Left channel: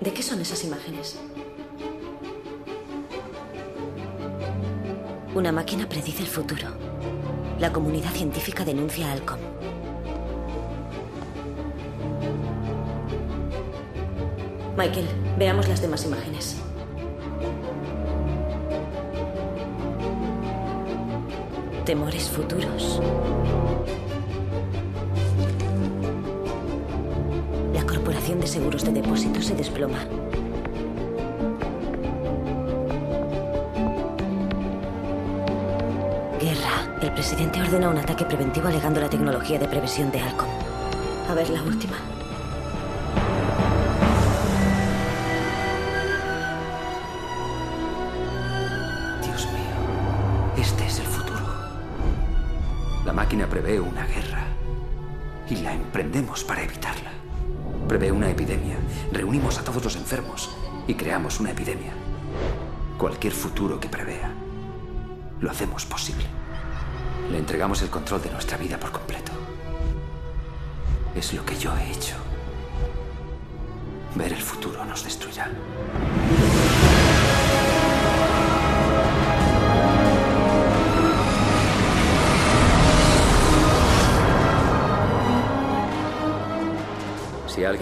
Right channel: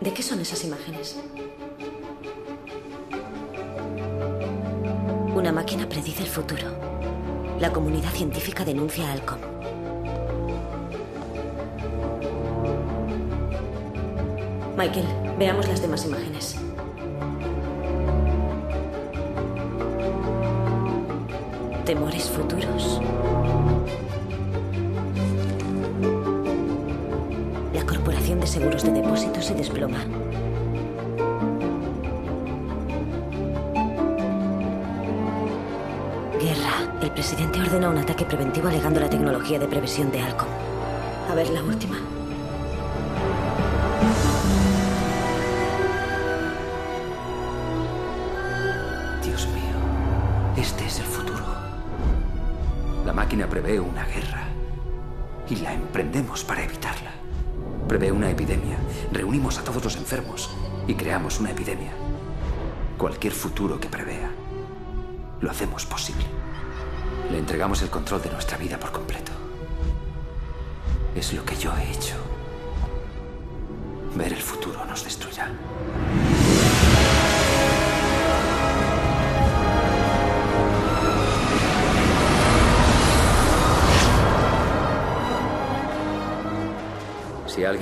¿De qué son esas imágenes? Una máquina predice el futuro. La comunidad científica denuncia a Alcom. Michael, veamos las demás imágenes. Temores futuros. La Corporación de Seguros de Depósitos se desploma. Guerra. El presidente ordena un ataque preventivo alegando la tecnología de previsión de Alcom. A ver la última. Dios mío, este es el futuro. La máquina prevé una guerra y la emprendemos para evitarla. Prevé una epidemia, reunimos a todos los enfermos y creamos una epidemia. Cualquier futuro que prevea, lo hacemos posible. Le entregamos el control de nuestra vida por completo. Es lo que yo he hecho. Ver el futuro nos destruirá. Si alguien